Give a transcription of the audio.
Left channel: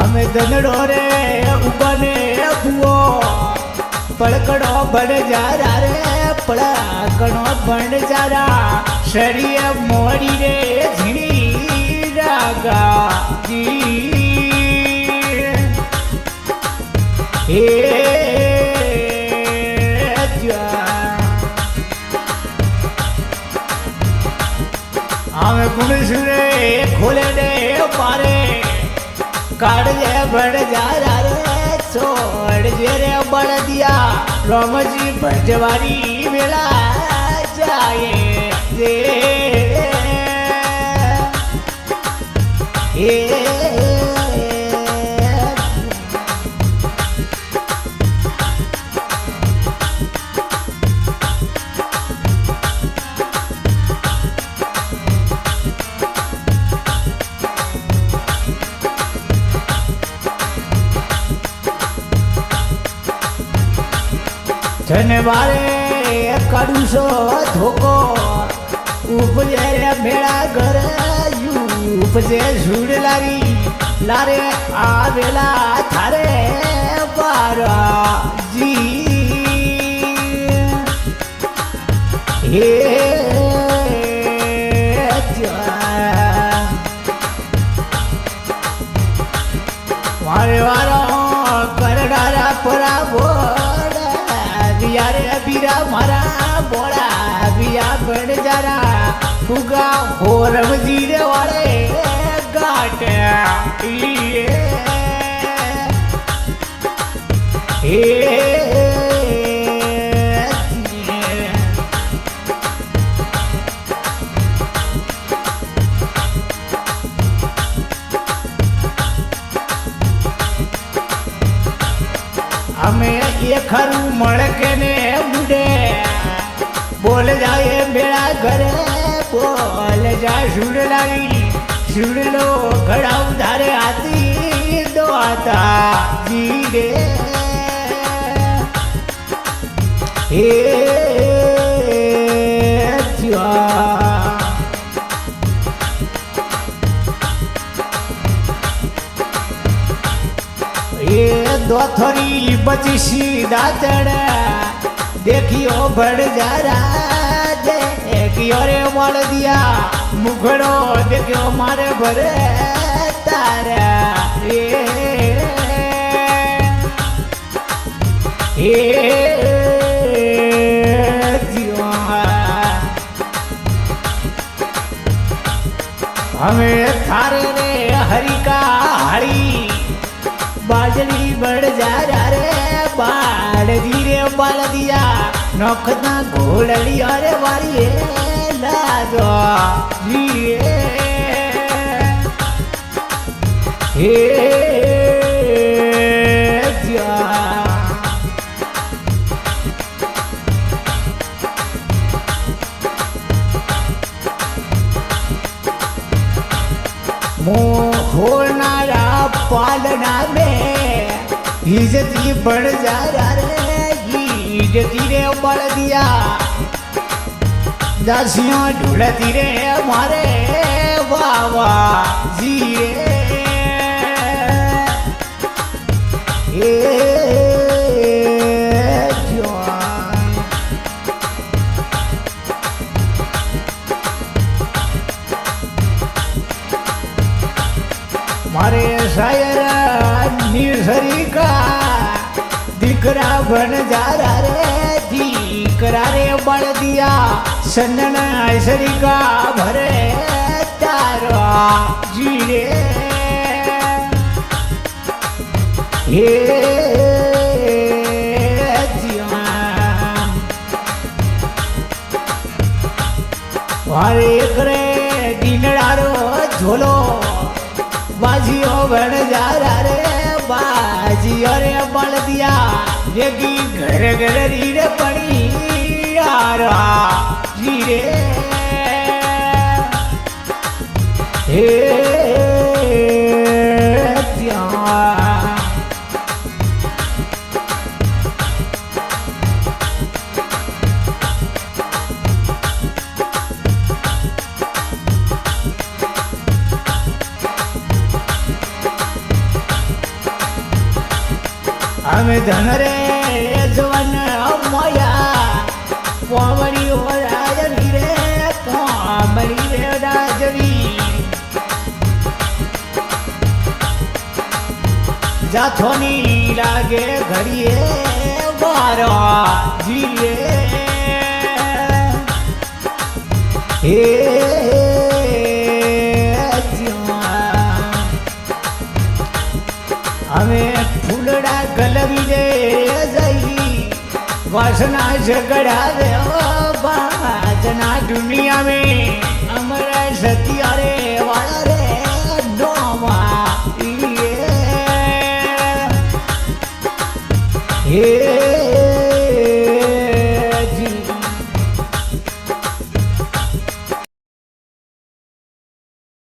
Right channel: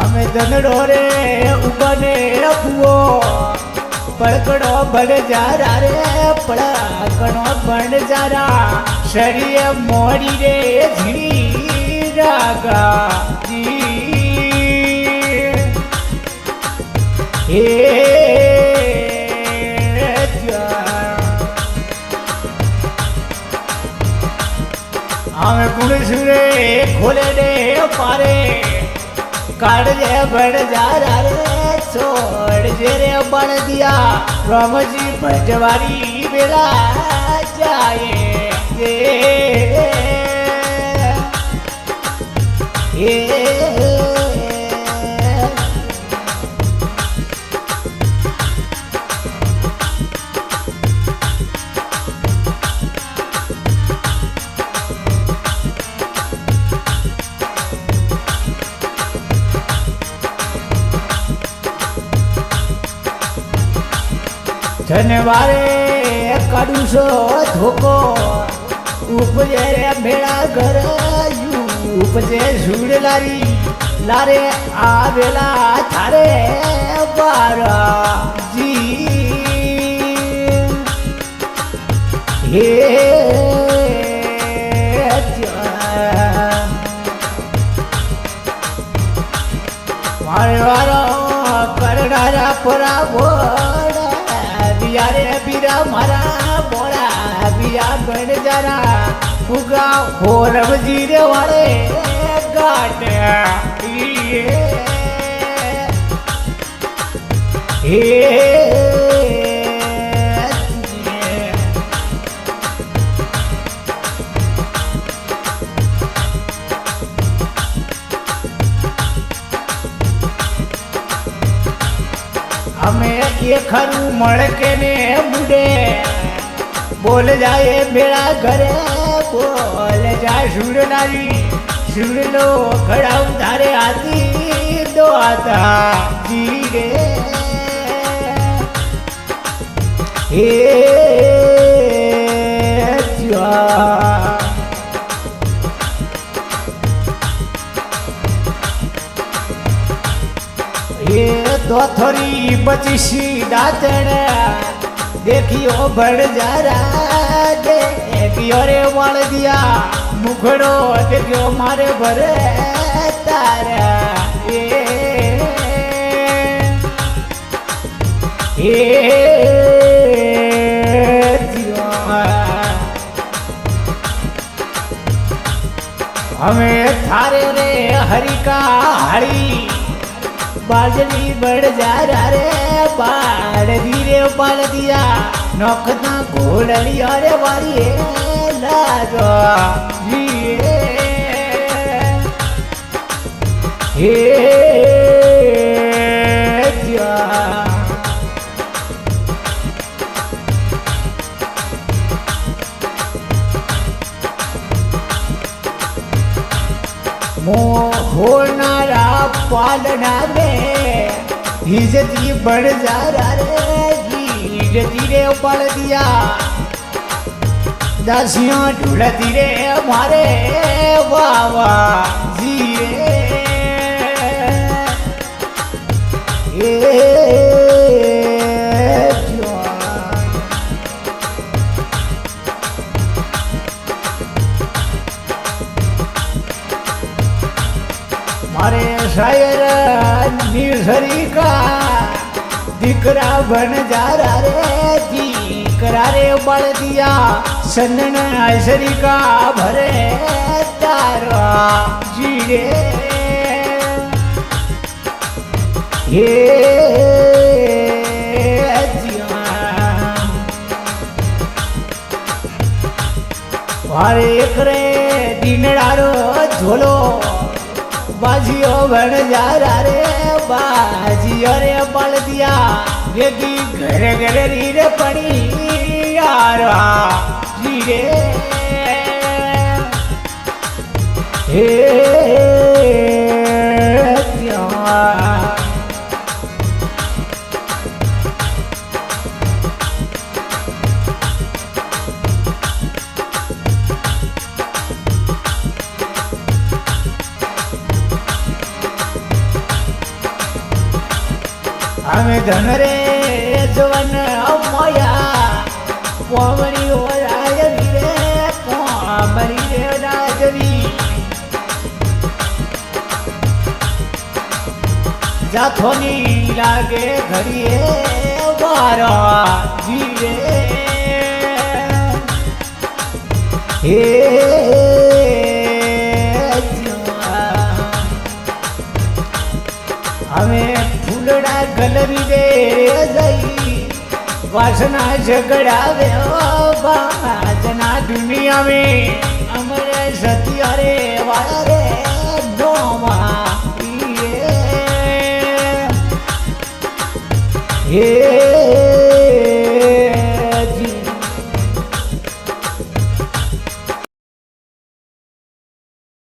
અમે ધનડો રે ઉગને ફુઓ પડકડો બડ જારા રે પડકડો બડ જારા શરીર મોડી રે ઝીણી રાગા હે અમે ગુણસુરે ખોલે દે પારે કાઢ દે બડ જારા રે છોડ જે રે બળ દિયા રામજી ભજવારી વેળા જાય ધનવારે કડુસો ધોકો ઉપજે રે ભેળા ઘર ઉપજે સુડ લારી લારે આવેલા થારે બારાજી હે મારે વારો કરડારા પરાવો યારે બીરા મારા બોરા બીરા બણ જારા ફુગા હોરવજી રે વાળે ગાટ અમે એ ખરું મળકે ને મુડે બોલ જાય ભેળા ઘરે બોલ જાય સુડલારી સુડલો ઘડા ઉધારે હાથી દો હતા જીરે એ दोथरी बचीसी दातड़ देखियो बड़ जारा देखियो रे वाल दिया मुखड़ो देखियो मारे भरे तारा हमें थारे रे हरिका हरी बाजली बड़ जा रे बाड़ धीरे बाल दिया नखना घोड़िया रे वारी लाजो होनारा पालना में हिजती बढ़ जा रे हिजती रे बल दिया दसियां ढूंढती रे हमारे बाबा जी मारे शायर निसरी का दिकरा बन जा रे दिकरा रे बड़ दिया सन्नन ऐसरी का भरे तारा जीरे मारे करे दिनड़ारो झोलो बाजियो बन जा रे बाजियो रे बल दिया रेगी घर घर रीरे पड़ी यार जीरे અમે ધન રે જવન મોયા કોમરી ઓરાજ રે કોમરી રે રાજવી જાથોની લાગે ઘડીએ બારા જીવે એ અમે ફૂલડા કલરી રે જઈ વાસના ઝગડાવે બાજના દુનિયા में અમારા સતિયા રે વાળા રે ડોમા એ